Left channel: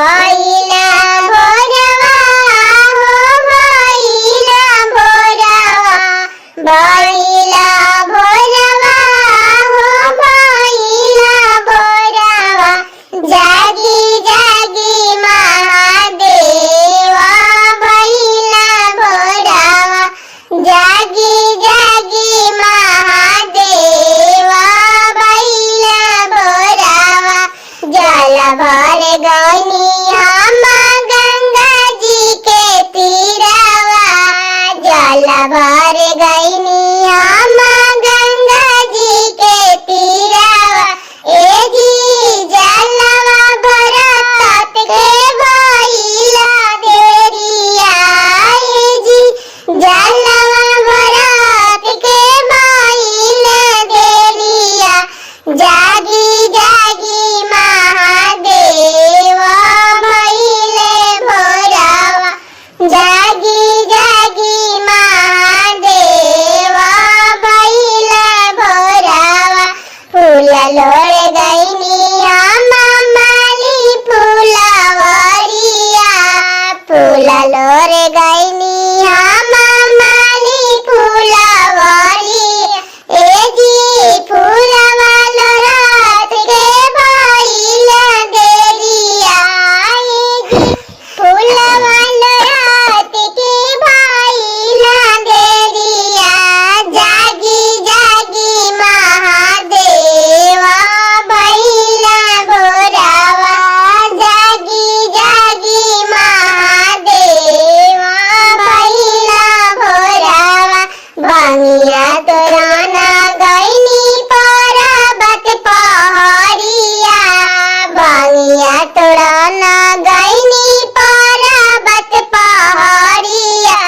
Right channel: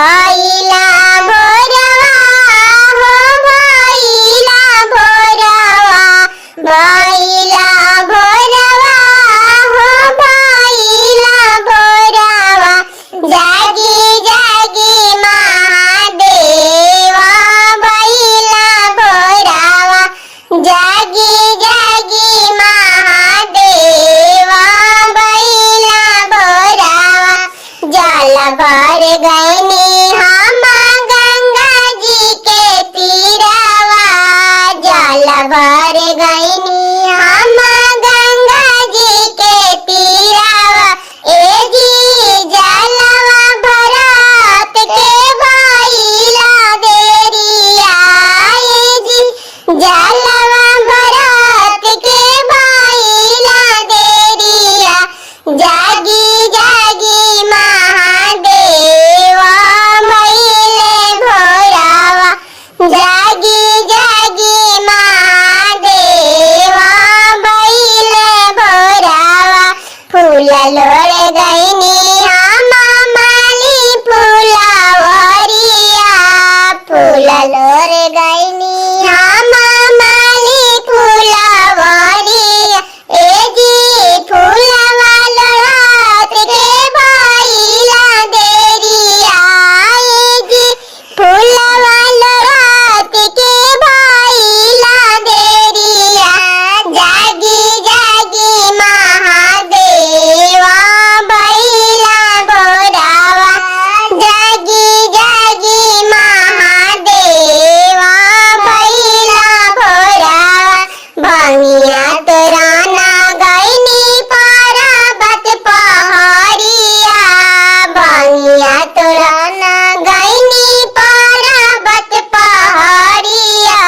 भइला भोरवा हो भइला भोरवा भइला भोरवा हो भइला भोरवा जागी जागी महादेवा भइला भोरवा जागी जागी महादेवा भइला भोरवा जल भर गइनी हम गंगा जी के तीरवा जल भर गइनी हम गंगा जी के तीरवा ए जी जलवा भरत के भइला देरिया ए जी जलवा भरत के भइला देरिया जागी जागी महादेवा भइले भोरवा जागी जागी महादेवा भइले भोरवा फूल लोड़ गइनी हम माली फुलवरिया फूल लोड़ गइनी हम माली फुलवरिया ए जी फूलवा लोड़त के भइला देरिया ए जी फूलवा लोड़त के भइला देरिया जागी जागी महादेवा भइला भोरवा जागी जागी महादेवा भइला भोरवा भंगिया तोराना गइनी पर्वत पहाड़िया भंगिया तोराना गइनी पर्वत पहाड़िया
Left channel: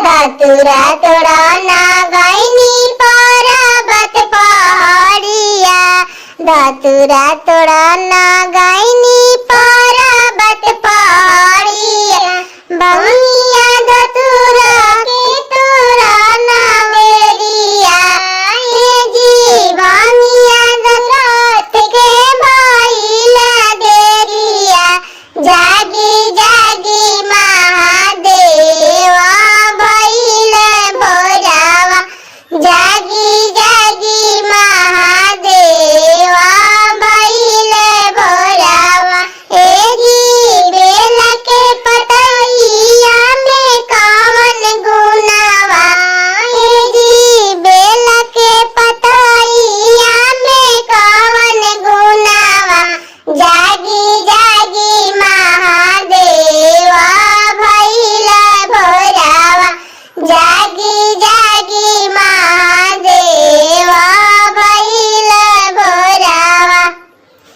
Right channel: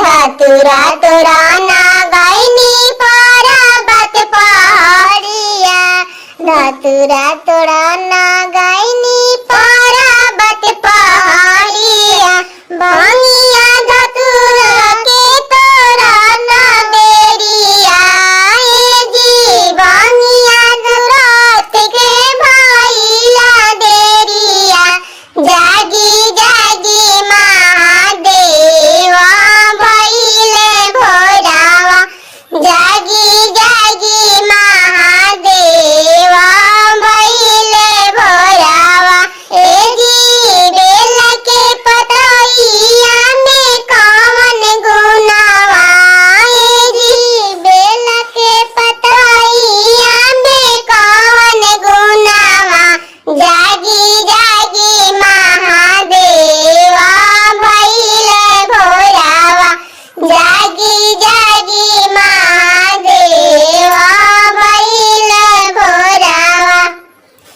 धतुरा तोराना गइनी पर्वत पहाड़िया धतुरा तोराना गइनी पर्वत पहाड़िया भंगिया धतुरा के तोराना बेरिया ए जी भंगिया धतुरा के भइला देरिया जागी